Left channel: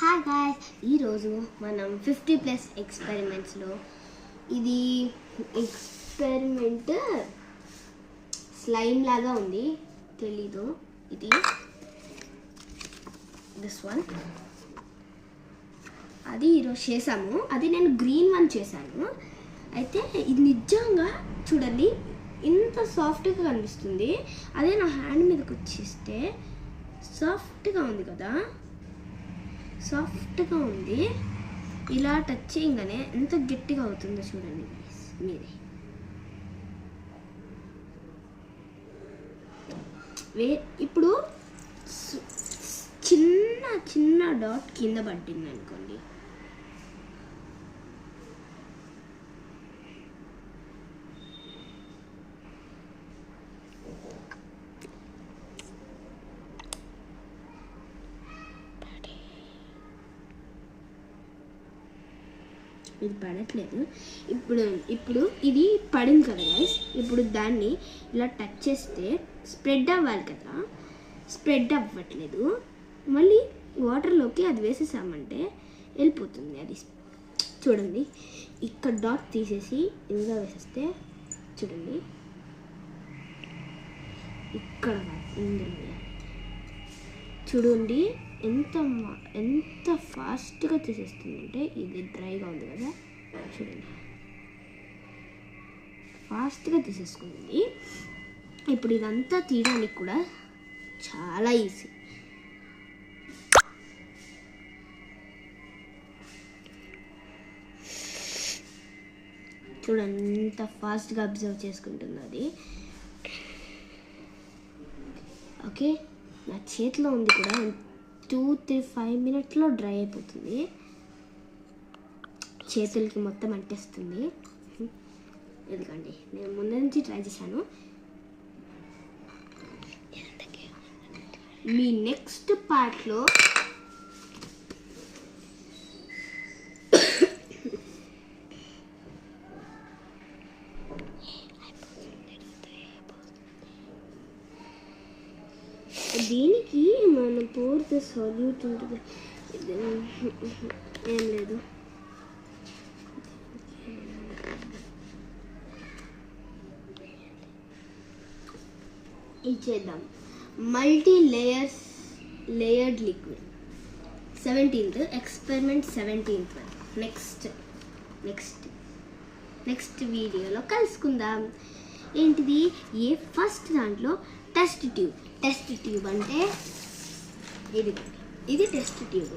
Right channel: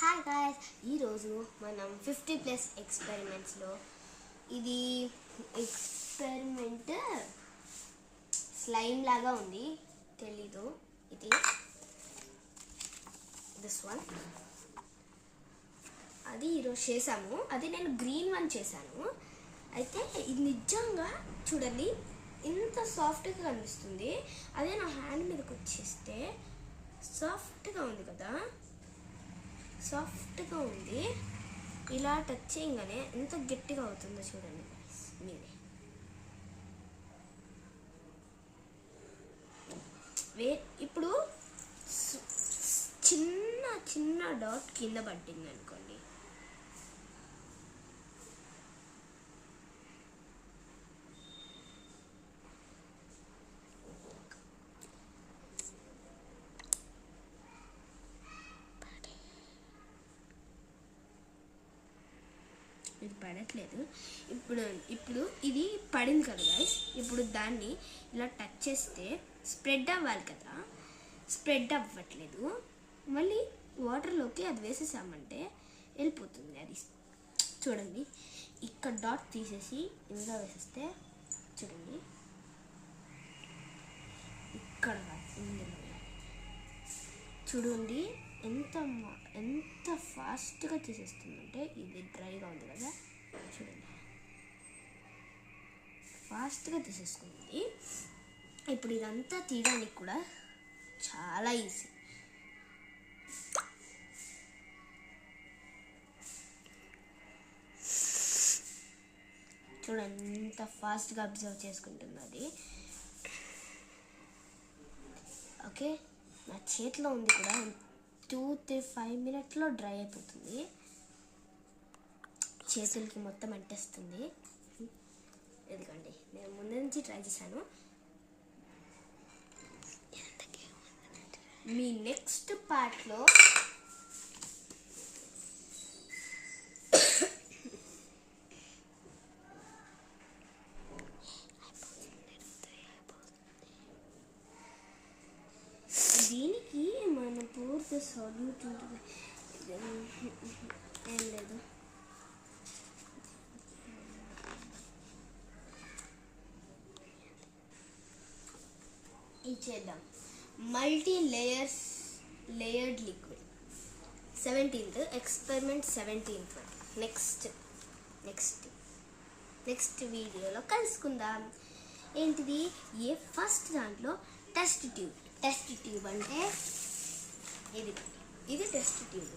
Hi guys, ఈరోజు మనం 50+ ఎక్స్పెరిమెంట్స్లో ఇది ఎక్స్పెరిమెంట్ స్లైమ్ లాగా ఉంది, తెలీదు. ఇది దిస్ వన్ అది ఈరోజు చేసాము. అది నేను గ్రీన్ వన్ చేశాను. అయితే ఇది నిజంగా చూడండి ఇంత సాఫ్ట్గా కనిపిస్తుంది. అదే నా హ్యాండ్ మీదకి వచ్చేస్తే సాఫ్ట్గా ఉంది కదా, సాఫ్ట్గా ఉంది. ఇలా టచ్ చేయగానే ఎంత గట్టిగా అవుతుందో చూడండి మీరే. ఇప్పుడు చిన్న చిన్న డాట్ కింద పట్టింది అనుకోండి, ఇది పడట్లేదు. ఇప్పుడు ఇది పడింది కదా గైస్. ఇప్పుడు దాన్ని ఇలా టచ్ చేస్తే స్ప్రెడ్ అవ్వాలి కదా, స్ప్రెడ్ అవ్వట్లేదు. మళ్ళీ వాటర్లోకి అది వేసేసామంటే వెళ్ళిపోతుంది. అది చూడండి, ఇక్కడ డాట్ తీసేసి ఇందులో వేసేస్తే చూడండి, ఇక్కడ ఇందులో చూడండి ఎంత ఫాస్ట్గా తీసేస్తుందంటే. ఇది డ్రైగా ఉంది కదా, చూడండి ఫాస్ట్గా తీసేసుకుంది. ఇప్పుడు ఇదంతా తీయడానికి కూడా చాలా ఈజీ. చూడండి ఎంత ఫాస్ట్గా అబ్జర్వ్ చేసుకుంటుంది అది. ఓకే, నా చేతిలో ఉంది కూడా 2-5 మినిట్స్లో డ్రై అయిపోతుంది. చేతులకి మొత్తం అంటేస్తుంది. ఎందుకండి నేను ముందు నుంచి ట్రై చేశాను. మీ నెక్స్ట్ పార్ట్లో దీనికి మన పూర్తి సొల్యూట్ ఉంటుంది. ఏం లేదు, ఇచ్చేద్దాం. Layered liquid 17th experiment 17th next వీడియోలో కలుసుకుందాం. ఏంటిది? ఫస్ట్ దాంట్లో టెస్ట్ ట్యూబ్ అంటే ఇది టెస్ట్ ట్యూబ్.